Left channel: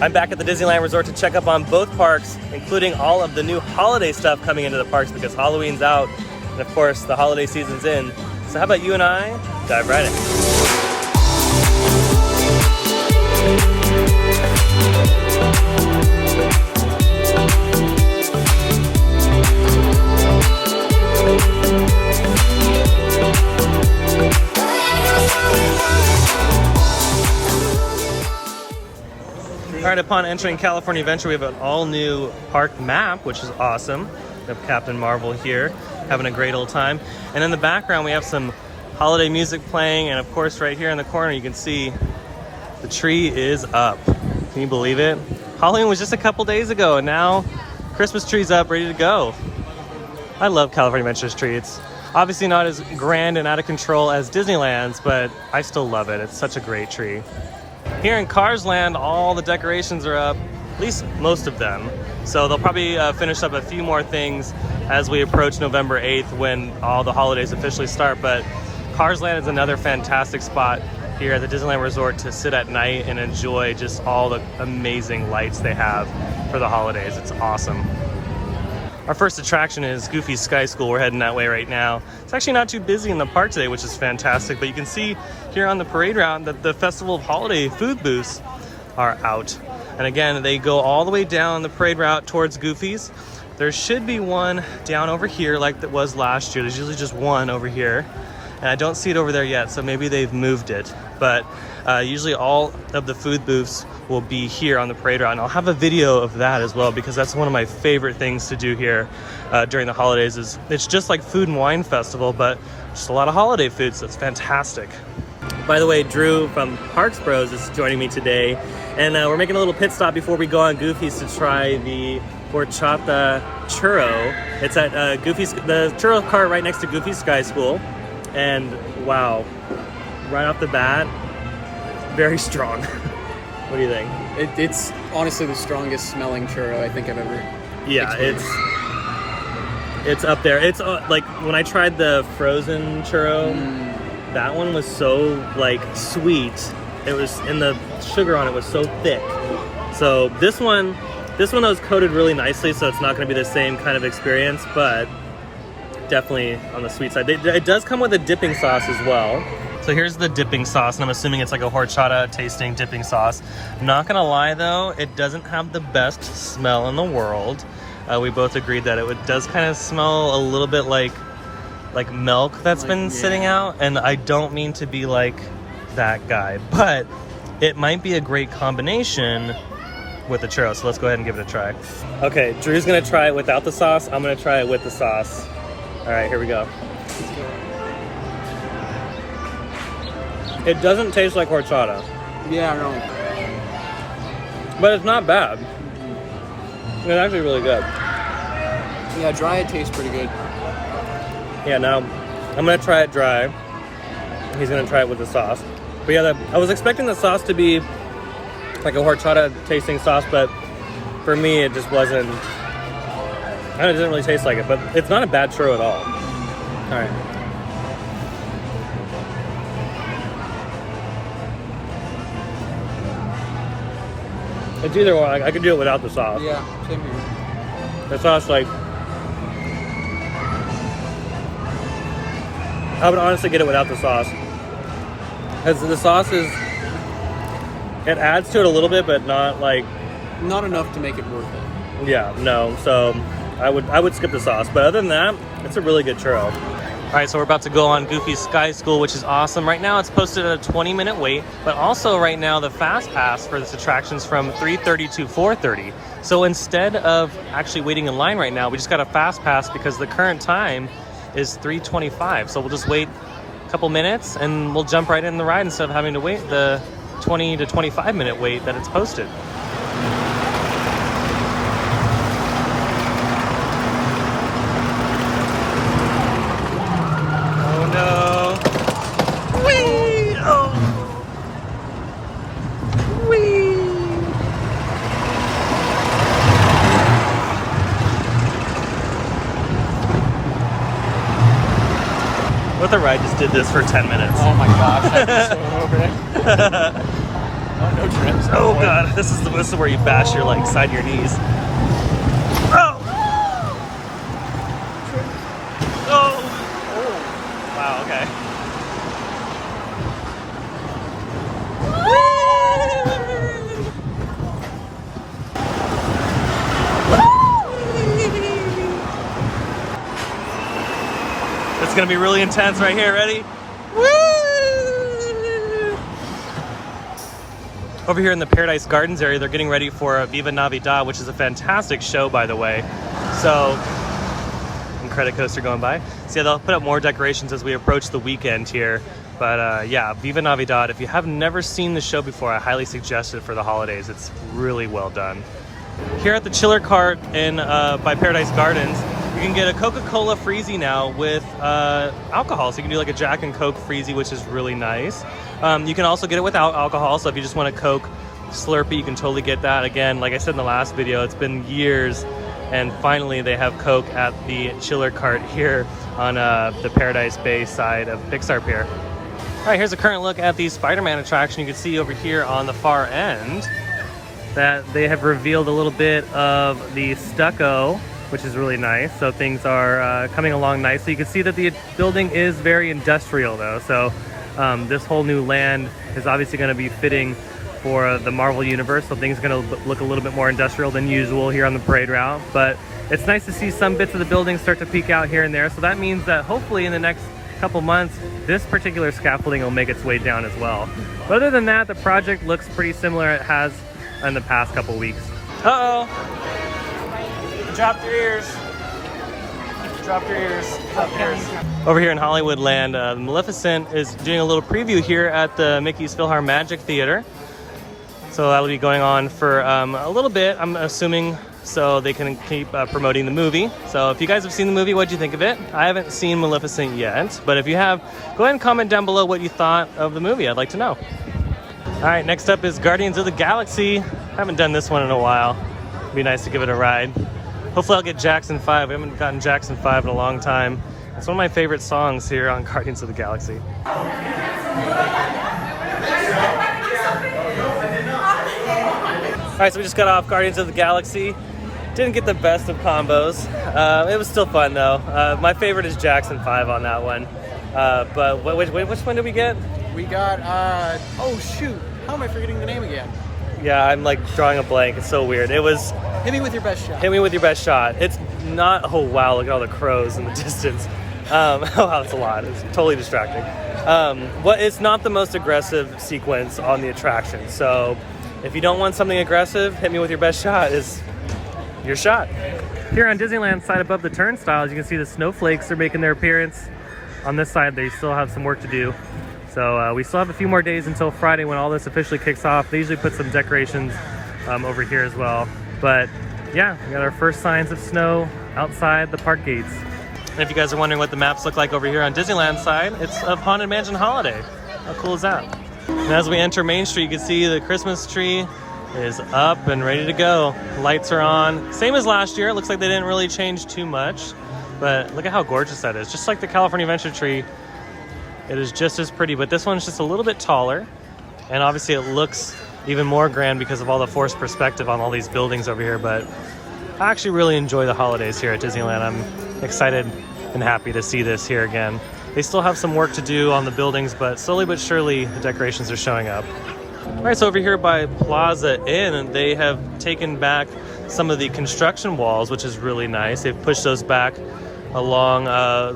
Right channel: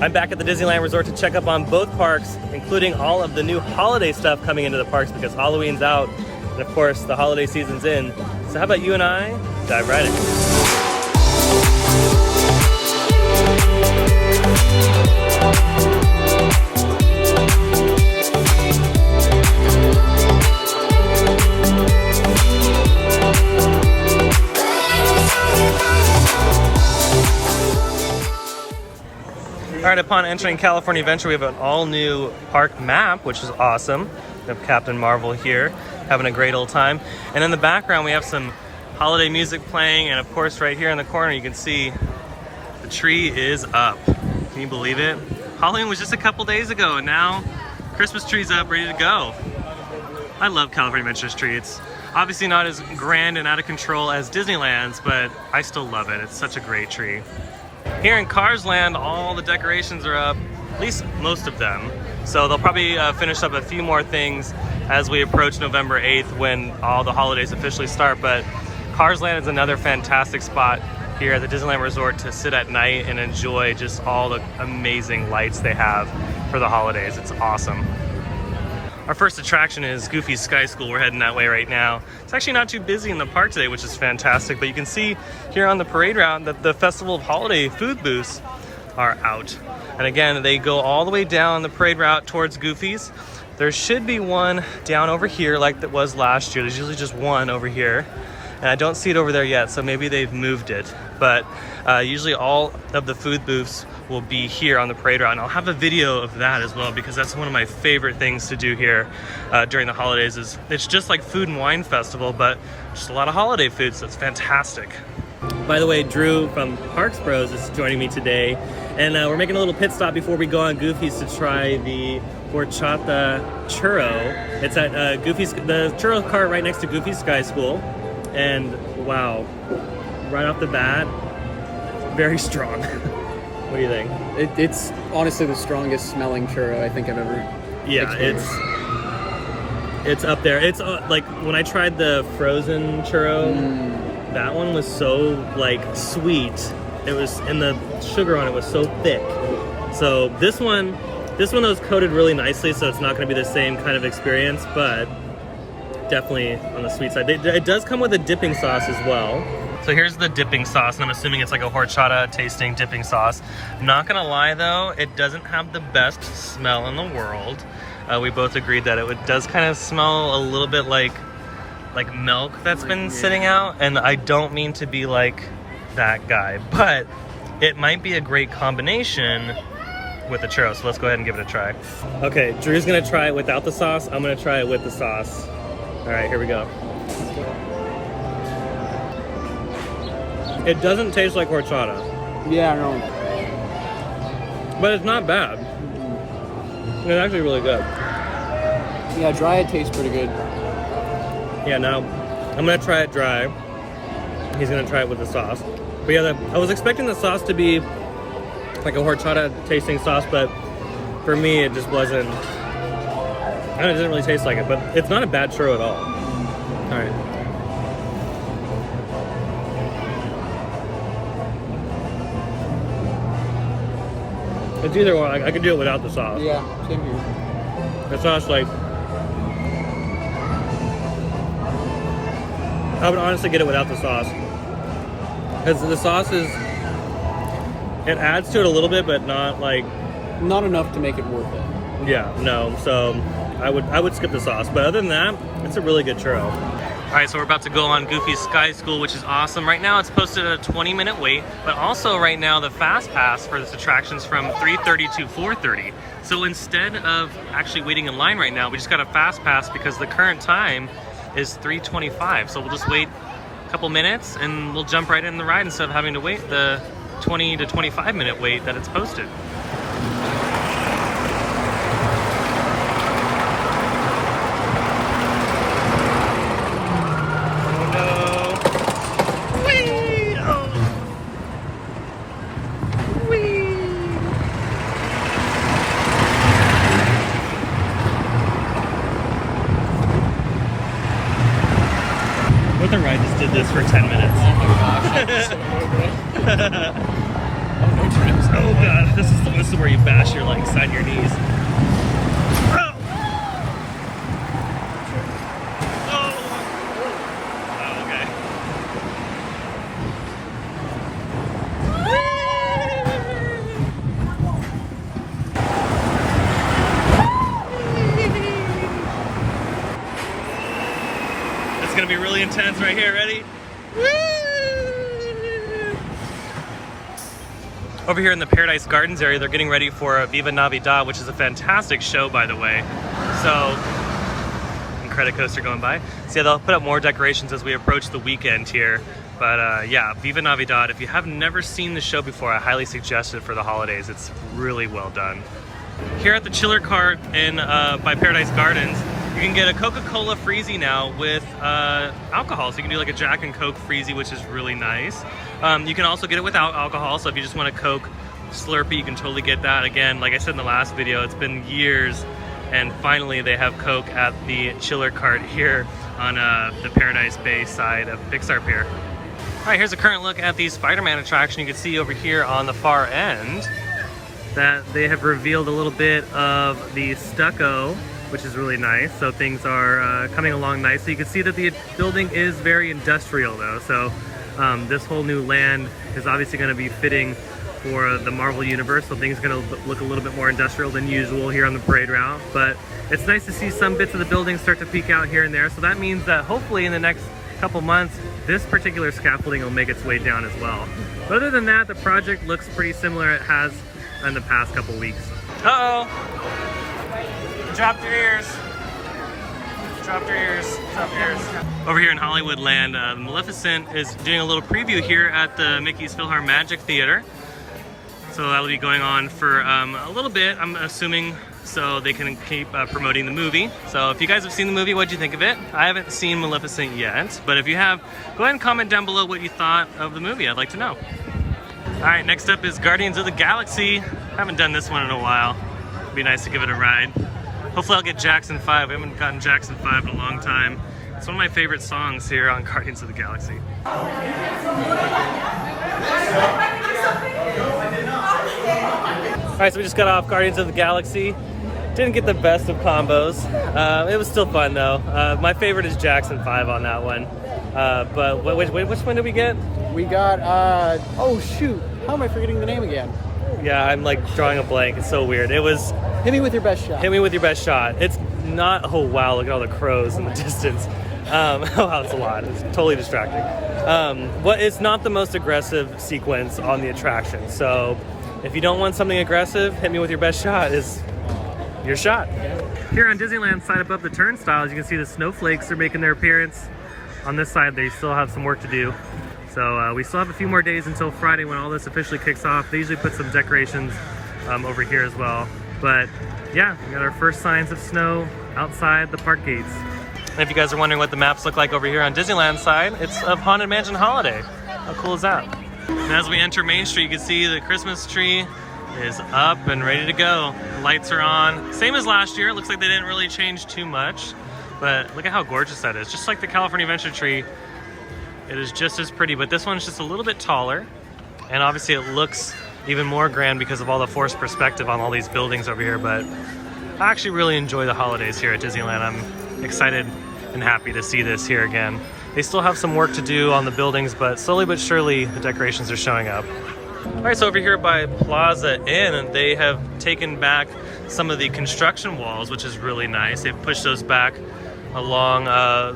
I'm back at the Disneyland Resort to check up on both parks, including all of the new holiday stuff coming into the parks because Halloween's out, and of course the holiday season's in. So how about you and I dive right in. All right, upon entering California Adventure, we have an all-new park map, which is awesome. We have Captain Marvel here, having a great old time. And in the background, we have some holiday music playing, and of course, right here in the corner, you can see the tree is up. Can you believe it? Halloween was just a couple days ago, and now Christmas tree's up, ready to go. I love California Adventure's tree. It's obviously not as grand and out of control as Disneyland's, but I still love it. It's such a great tree. Here in Cars Land, all the decorations are up, at least most of them. So they'll probably finish up a few more things as we approach November 8th when all the holidays officially start. But Cars Land is another fantastic spot here at the Disneyland Resort to sit at night and enjoy just all the amazing lights they have for the holidays. It's awesome. Our first attraction is Goofy's Sky School. We're heading that way right now. It's actually not too busy in the park today, which is fantastic, but you can see here on the parade route that the Festival of Holiday food booths are out. And again, they go all the way down the parade route towards Goofy's. There should be one down over here like that was last year. There's usually just one over here, and I don't see it over there yet, so maybe they've moved it. But usually all of the food booths will be here on the parade route, and I'll have a video of that as well because that's one of my favorite things to do here during the holidays. It's just like Food and Wine Festival, but just a lot of holiday food, so it's fantastic. By the way, Drew from Parks Bros is joining me today, and we're making a little pit stop before we go on Goofy's to try the horchata churro. It's at Goofy's, the churro cart right next to Goofy's Sky School, and wow, right off the bat, very strong. What do you think? It's honestly the strongest smelling churro I think I've ever experienced. It's up there. It's like when I tried the frozen churro, that one was so like sweet. It was, and the sugar on it was so thick. So this one was coated really nicely, so it's not going to be the same kind of experience, but definitely on the sweet side. It does come with a dipping sauce as well. So here's the dipping sauce, and I'm assuming it's like a horchata tasting dipping sauce. I'm not gonna lie though, it doesn't have the best smell in the world. We both agreed that it does kind of smell a little bit like milk that's been sitting out, and I don't mean to be like that guy, but it might be a great combination with the churro. So let's go ahead and give it a try. Okay, Drew's gonna try it without the sauce. I'm gonna try it with the sauce. All right, here we go. It doesn't taste like horchata. Yeah, no. But it's not bad. It's actually really good. Yeah, dry it tastes pretty good. Yeah, now I'm gonna try it dry. He's gonna try it with the sauce. But yeah, I was expecting the sauce to be like a horchata tasting sauce, but for me it just wasn't. It didn't really taste like it, but it's not a bad churro at all. All right. It's either or. I could do it without the sauce. Yeah, same here. The sauce, like, I would honestly get it without the sauce. Because the sauce is, it adds to it a little bit, but not like... Not enough to make it worth it. Yeah, no. So I would skip the sauce. But other than that, it's a really good churro. All right, so we're about to go on Goofy's Sky School, which is awesome. Right now it's posted at a 20-minute wait, but also right now the fast pass for this attraction is from 3:30 to 4:30. So instead of actually waiting in line right now, we just got a fast pass because the current time is 3:25. So we'll just wait a couple minutes and we'll jump right in the ride instead of having to wait the 20 to 25-minute wait that it's posted. The ride just did this for 10 minutes. Oh my gosh, I missed a little bit. Oh god, this is where you bash your like side of your knees. Oh! Oh! Wow, okay. It's gonna be really intense right here, ready? Over here in the Paradise Gardens area, they're getting ready for Viva Navidad, which is a fantastic show, by the way. So, and credit coaster going by. So yeah, they'll put up more decorations as we approach the weekend here. But yeah, Viva Navidad, if you have never seen the show before, I highly suggest it for the holidays. It's really well done. Here at the Chiller Cart in by Paradise Gardens, you can get a Coca-Cola Freezy now with alcohol. So you can do like a Jack and Coke Freezy, which is really nice. You can also get it without alcohol. So if you just want a Coke Slurpee, you can totally get that. Again, like I said in the last video, it's been years, and finally they have Coke at the Chiller Cart here on the Paradise Bay side of Pixar Pier. All right, here's a current look at the Spider-Man attraction. You can see over here on the far end that they have revealed a little bit of the stucco, which is really nice. So things are coming along nicely. You can see that the building is very industrial though. So this whole new land is obviously going to be fitting for the Marvel universe. So things are going to look a little bit more industrial than usual here on the parade route. But it's nice to see some bits of the building start to peek out here and there. So that means that hopefully in the next couple months, this particular scaffolding will make its way down as well. But other than that, the project looks pretty similar it has in the past couple weeks. Uh-oh. Drop your ears. Drop your ears. Drop your ears. Over here in Hollywoodland, Maleficent is doing a little preview here at the Mickey's PhilharMagic Theater. So that'll be going on for a little bit, I'm assuming, so they can keep promoting the movie. So if you guys have seen the movie, what'd you think of it? I haven't seen Maleficent yet, but if you have, go ahead and comment down below what you thought of the movie. I'd like to know. All right, next up is Guardians of the Galaxy. I haven't done this one in a while. It'd be nice to give it a ride. Hopefully I'll get Jackson 5. I haven't gotten Jackson 5 in a long time. It's one of my favorite songs here on Guardians of the Galaxy. All right, so we just got off Guardians of the Galaxy. Didn't get the best of combos. It was still fun though. My favorite is Jackson 5 on that one. But which one did we get? We got, oh shoot, how am I forgetting the name again? Yeah, I'm like drawing a blank. It's so weird. It was... Hit me with your best shot. Hit me with your best shot. It's not... Oh wow, look at all the crows in the distance. Oh wow, it's a lot. It's totally distracting. It's not the most aggressive sequence on the attraction. So if you don't want something aggressive, hit me with your best shot is your shot. Here on Disneyland side above the turnstiles, you can see the snowflakes are making their appearance. On this side, they still have some work to do. So we still have a few more days until Friday when all this officially kicks off. They usually put some decorations over here as well. But yeah, we got our first signs of snow outside the park gates. And if you guys are wondering what the maps look like over here on Disneyland side, it's of Haunted Mansion Holiday. How cool is that? And as we enter Main Street, you can see the Christmas tree is up and ready to go. Lights are on. Same as last year. It looks like they didn't really change too much. But look at how gorgeous that is. Just like the California Adventure tree, it is just as pretty, but this one's just a little bit taller. And obviously it looks even more grand because of all the forced perspective on all these buildings over here. But I actually really enjoy the holidays here at Disneyland. I'm excited and happy to see this here again. They still have some work to do on the buildings, but slowly but surely the decorations are showing up. All right, so over here by Plaza Inn, they have taken back some of the construction walls, which is really nice. They've pushed those back along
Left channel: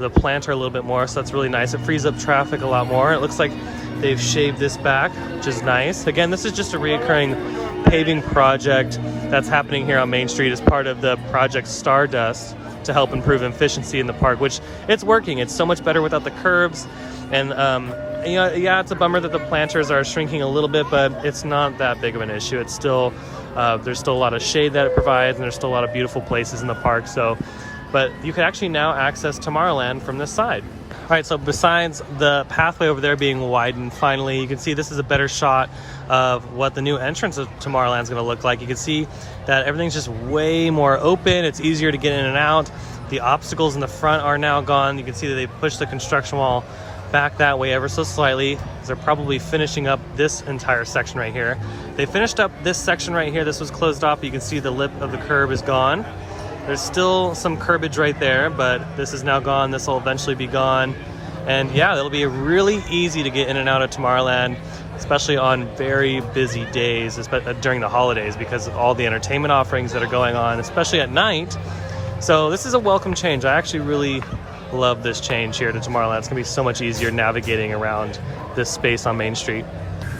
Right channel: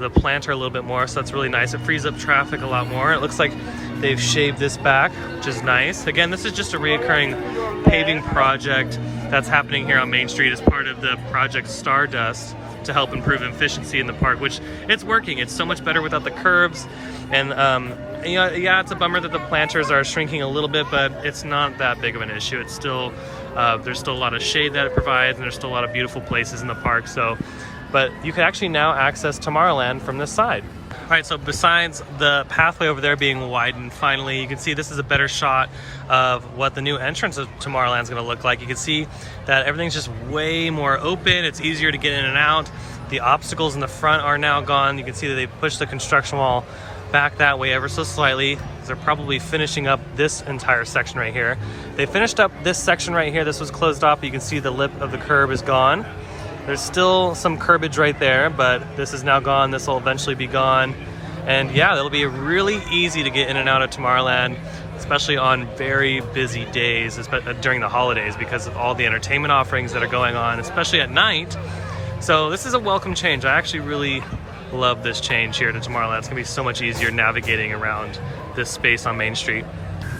the planter a little bit more, so that's really nice. It frees up traffic a lot more. It looks like they've shaved this back, which is nice. Again, this is just a reoccurring paving project that's happening here on Main Street as part of the Project Stardust to help improve efficiency in the park, which it's working. It's so much better without the curbs. And yeah, it's a bummer that the planters are shrinking a little bit, but it's not that big of an issue. It's still, there's still a lot of shade that it provides, and there's still a lot of beautiful places in the park. So, but you can actually now access Tomorrowland from this side. All right, so besides the pathway over there being widened, finally, you can see this is a better shot of what the new entrance of Tomorrowland is going to look like. You can see that everything's just way more open. It's easier to get in and out. The obstacles in the front are now gone. You can see that they pushed the construction wall back that way ever so slightly. They're probably finishing up this entire section right here. They finished up this section right here. This was closed off. You can see the lip of the curb is gone. There's still some curbage right there, but this is now gone. This will eventually be gone. And yeah, it'll be really easy to get in and out of Tomorrowland, especially on very busy days during the holidays because of all the entertainment offerings that are going on, especially at night. So this is a welcome change. I actually really love this change here to Tomorrowland. It's gonna be so much easier navigating around this space on Main Street.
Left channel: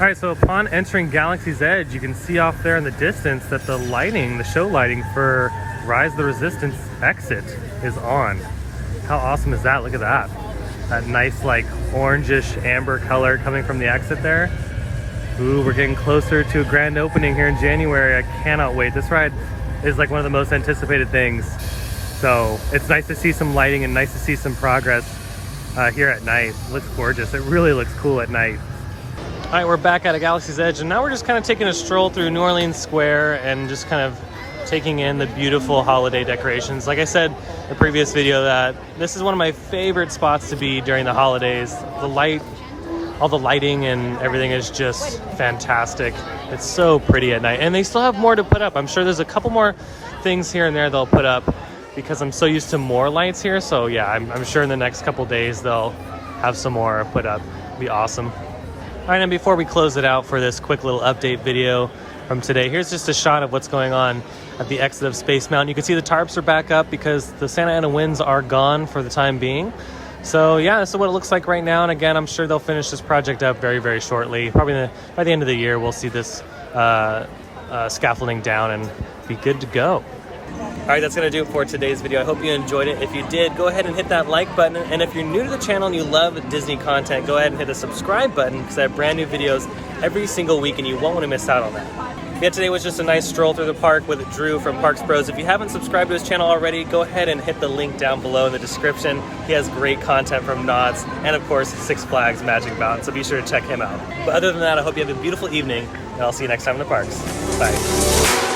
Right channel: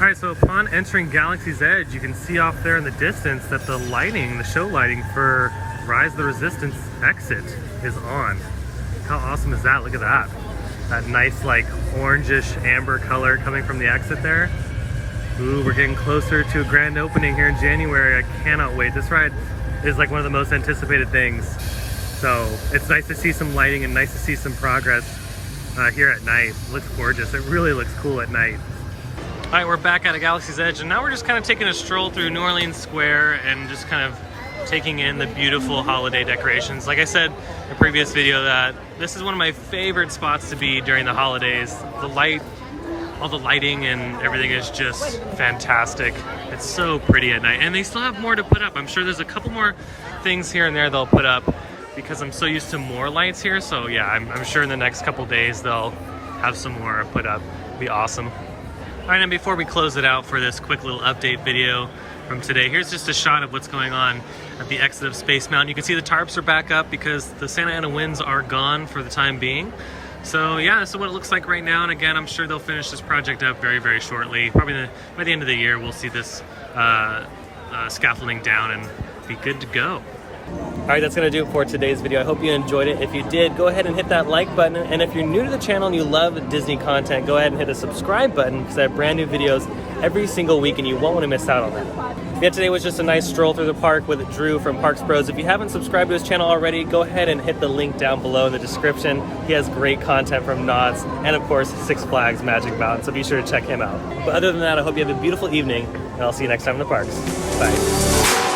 All right, so upon entering Galaxy's Edge, you can see off there in the distance that the lighting, the show lighting for Rise of the Resistance exit is on. How awesome is that? Look at that. That nice like orangish amber color coming from the exit there. Ooh, we're getting closer to a grand opening here in January. I cannot wait. This ride is like one of the most anticipated things. So it's nice to see some lighting and nice to see some progress here at night. It looks gorgeous. It really looks cool at night. All right, we're back at a Galaxy's Edge, and now we're just kind of taking a stroll through New Orleans Square and just kind of taking in the beautiful holiday decorations. Like I said in the previous video, that this is one of my favorite spots to be during the holidays. The light, all the lighting and everything is just fantastic. It's so pretty at night, and they still have more to put up. I'm sure there's a couple more things here and there they'll put up because I'm so used to more lights here. So yeah, I'm sure in the next couple days they'll have some more put up. It'll be awesome. All right, and before we close it out for this quick little update video from today, here's just a shot of what's going on at the exit of Space Mountain. You can see the tarps are back up because the Santa Ana winds are gone for the time being. So yeah, this is what it looks like right now. And again, I'm sure they'll finish this project up very, very shortly. Probably by the end of the year, we'll see this scaffolding down and be good to go. All right, that's gonna do it for today's video. I hope you enjoyed it. If you did, go ahead and hit that like button. And if you're new to the channel and you love Disney content, go ahead and hit the subscribe button because I have brand new videos every single week and you won't want to miss out on that. Yeah, today was just a nice stroll through the park with Drew from Parks Bros. If you haven't subscribed to his channel already, go ahead and hit the link down below in the description. He has great content from Knott's and of course Six Flags Magic Mountain, so be sure to check him out. But other than that, I hope you have a beautiful evening and I'll see you next time in the parks. Bye.